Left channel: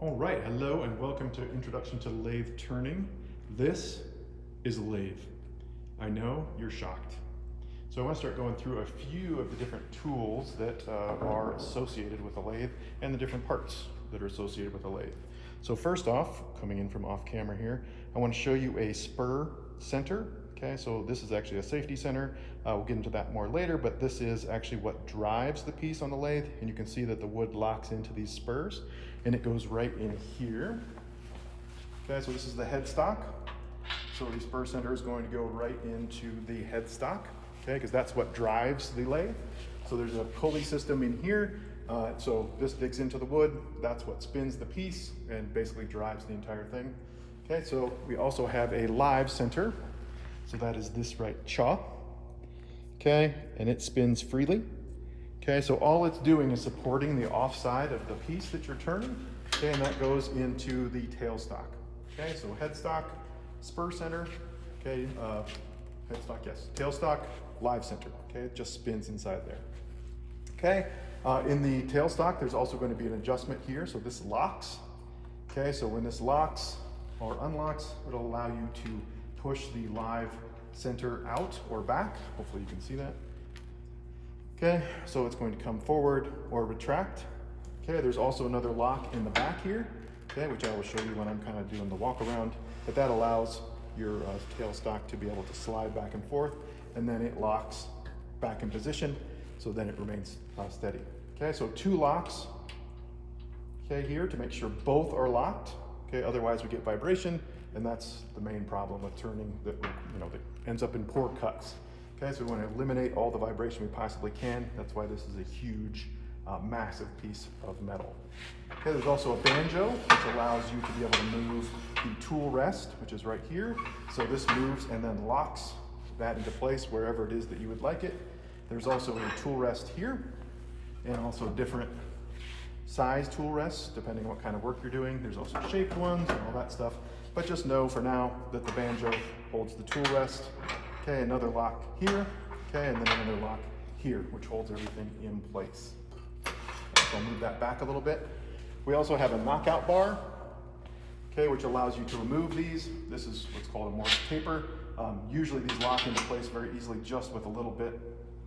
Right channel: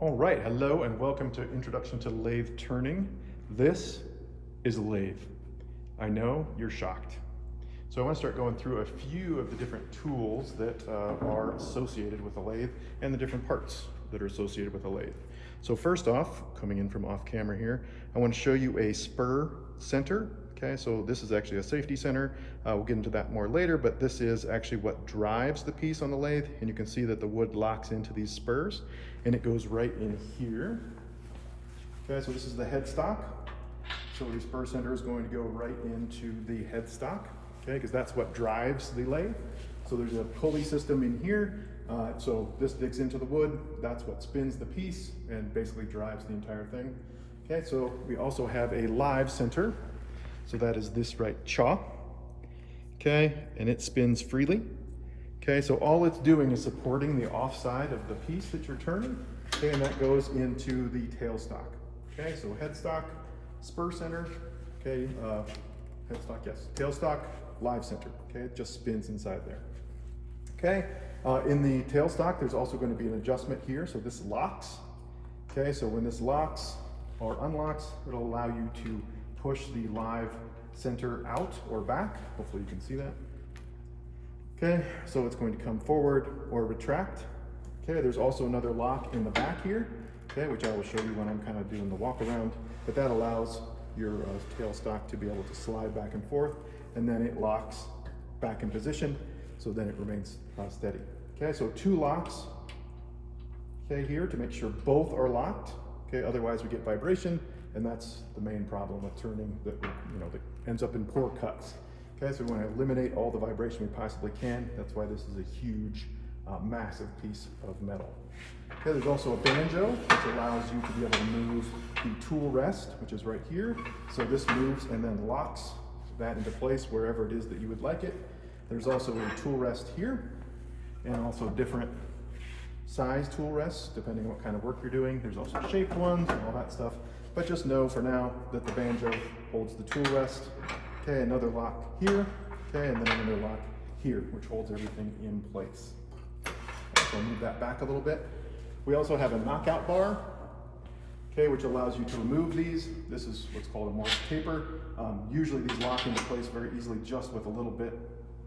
All right, hello and welcome to Introduction to Lathe Turning. This is a lathe. I know you're shocked. So I want to start going through a few of the different tools that are associated with a lathe and the different parts that are associated with a lathe. So first off, coming in from off camera here, I want to show you a spur center. Okay, so this is actually a safety center. We'll get into that more later, but this is actually what drives the piece on the lathe. And you can see that the wood locks into these spurs and it goes right in here. Okay, so this is the headstock. So the spur center is going to go right into the headstock, okay, because that's what drives the lathe. So there's a pulley system in here. So this digs into the wood. That's what spins the piece and basically drives the entire thing. Okay, so we also have a live center. So that is this right chaw. Okay, and it spins freely. Okay, so all it's doing is supporting the offside of the piece that you're turning. Okay, and that goes into the tailstock. Okay, so headstock, spur center, okay, headstock, yes, tailstock, live center. Okay, it just spins inside there. Okay, in the tailstock, there's also going to be an adjustment here. So this locks. Okay, so when this locks or unlocks, it'll allow you to push the live center out or back. Hopefully you can see that. Okay, so it's going to come forward or retract. Okay, there's also another lock in the back here, okay, which I will show you when I'm kind of doing the walk around, but that allows your tailstock to be able to slide back and forth, and then it locks back in position, so then it remains steady. Okay, so two locks, okay, here to make sure both are locked. Okay, otherwise we get vibration, and that's the main problem with turning that that ends up in poor cuts. Okay, so we want to eliminate all the vibration we possibly can. That's why this is a huge, massive piece of metal. Okay, there's also a banjo, which allows you to be able to move the tool rest, which is right here. So this moves and then locks that into place wherever it is that you would like it. There's also a tool rest here, and also different size tool rests, depending on what kind of work you're doing. There's also shaped ones and all that stuff. But just know for now that the banjo holds the tool rest. Okay, another lock here, okay, and then another lock here, which holds everything in place. So I'll move that back a little bit. We also have a knockout bar, okay, which allows you to remove these. This is what's called a Morse taper. Usually these lock into place very easily just with a little bit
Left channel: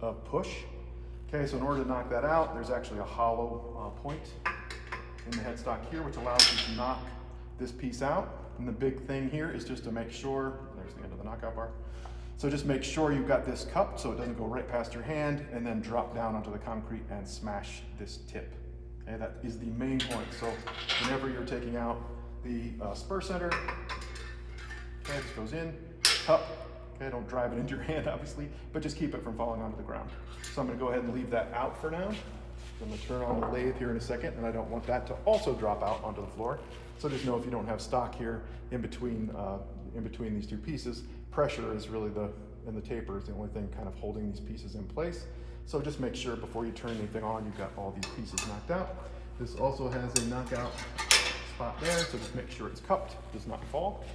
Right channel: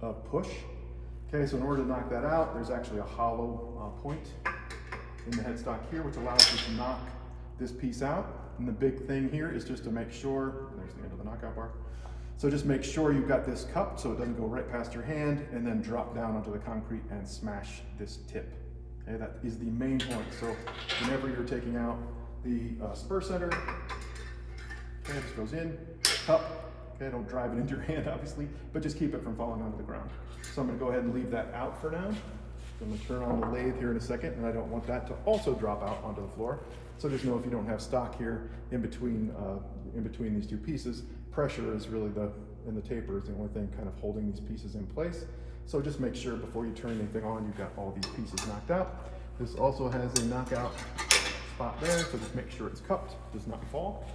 of push. Okay, so in order to knock that out, there's actually a hollow point in the headstock here, which allows you to knock this piece out. And the big thing here is just to make sure, there's the end of the knockout bar. So just make sure you've got this cupped so it doesn't go right past your hand and then drop down onto the concrete and smash this tip. Okay, that is the main point. So whenever you're taking out the spur center, okay, this goes in, cup. Okay, don't drive it into your hand, obviously, but just keep it from falling onto the ground. So I'm going to go ahead and leave that out for now. I'm going to turn on the lathe here in a second, and I don't want that to also drop out onto the floor. So just know if you don't have stock here in between these two pieces, pressure is really and the taper is the only thing kind of holding these pieces in place. So just make sure before you turn anything on, you've got all these pieces knocked out. This also has a knockout spot there, so just make sure it's cupped, does not fall.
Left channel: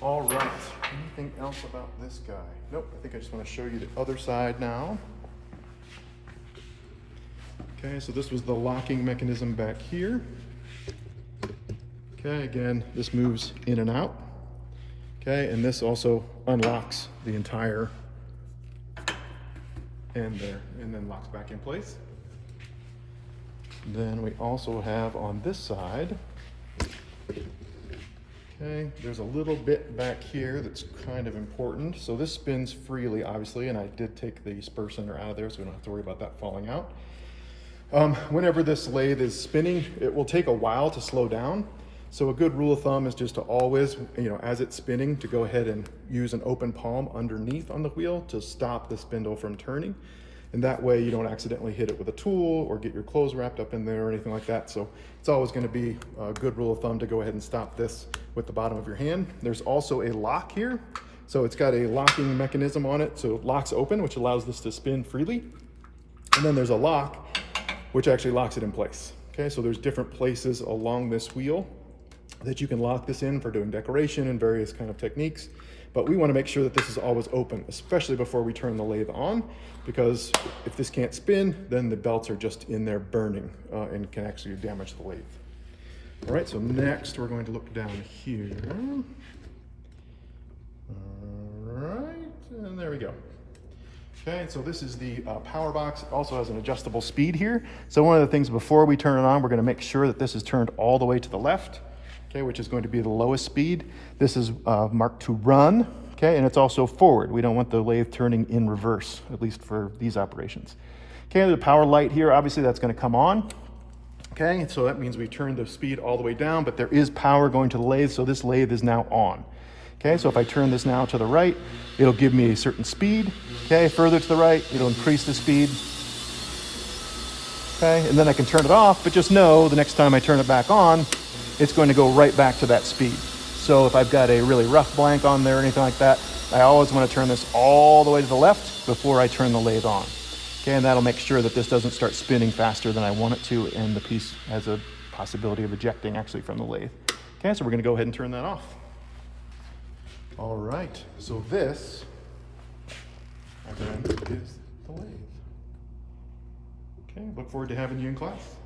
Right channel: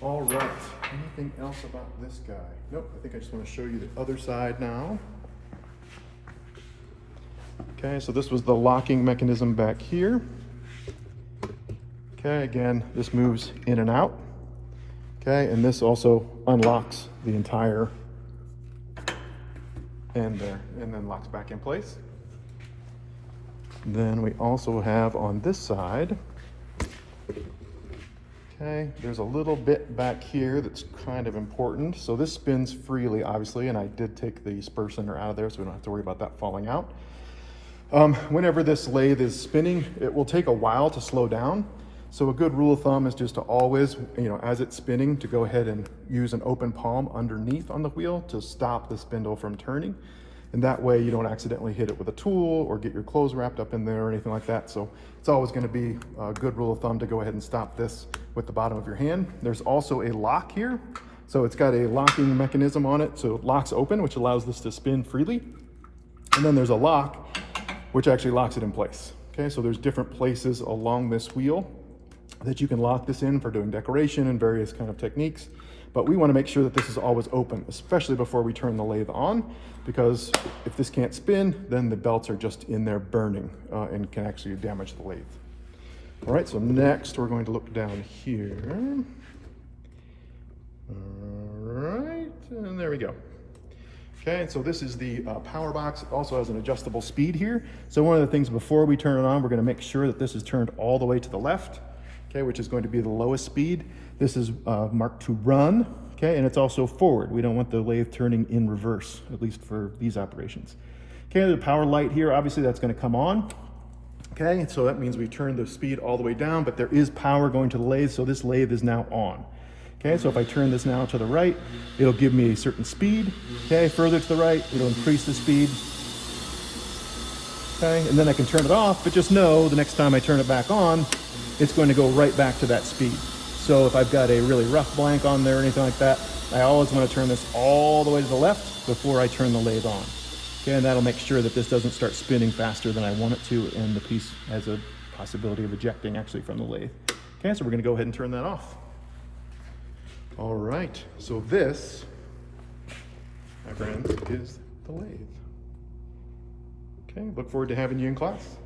All right, anything else about this guy? Nope, I think I just want to show you the other side now. Okay, so this was the locking mechanism back here. Okay, again, this moves in and out. Okay, and this also unlocks the entire end there, and then locks back in place. Then we also have on this side, okay, there's a little bit back here that's kind of important. So this spins freely, obviously, and I did take the spur center out of there, so we don't have to worry about that falling out. Whenever this lathe is spinning, it will take a while to slow down. So a good rule of thumb is just to always, as it's spinning, to go ahead and use an open palm underneath on the wheel to stop the spindle from turning. And that way you don't accidentally hit it with a tool or get your clothes wrapped up in there or anything like that. So it's always going to be a good rule of thumb to go ahead and stop this with the bottom of your hand. There's also a lock here. So it's got a locking mechanism on it. So it locks open, which allows this to spin freely. And then there's a lock, which actually locks it in place. Okay, so there's different places along this wheel that you can lock this in for doing decoration and various kind of techniques. But we want to make sure that this is always open, especially before we turn the lathe on, because if this can't spin, then the belts are just in there burning and can actually damage the lathe. All right, so next we're going to look down here. All right, and there we go. Okay, and so this is the power box. It also has an adjustable speed here. So one of the things before we turn it on, we're going to make sure that this is turned all the way to the left, okay, which is going to be the lowest speed. This is marked to run, okay, and it's also forward. We don't want the lathe turning in reverse, at least for these operations. Okay, the power light here, obviously that's going to come on. Okay, so that means we turn the speed all the way down, but there is power going to the lathe, so this lathe is now on. Okay, so if I turn this now to the right, it'll give me a certain speed. Okay, further to the right, it'll increase the speed. Okay, and then I can turn it off, but just know the next time I turn it back on, it's going to go right back to that speed. So if I've got a really rough blank on there or anything like that, I always want to turn this all the way to the left before I turn the lathe on. Okay, and that'll make sure that this doesn't start spinning faster than I want it to, and the piece has a possibility of ejecting actually from the lathe. Okay, so we're going to go ahead and turn that off. All right, so this, my friends, is the lathe. Okay, look forward to having you in class.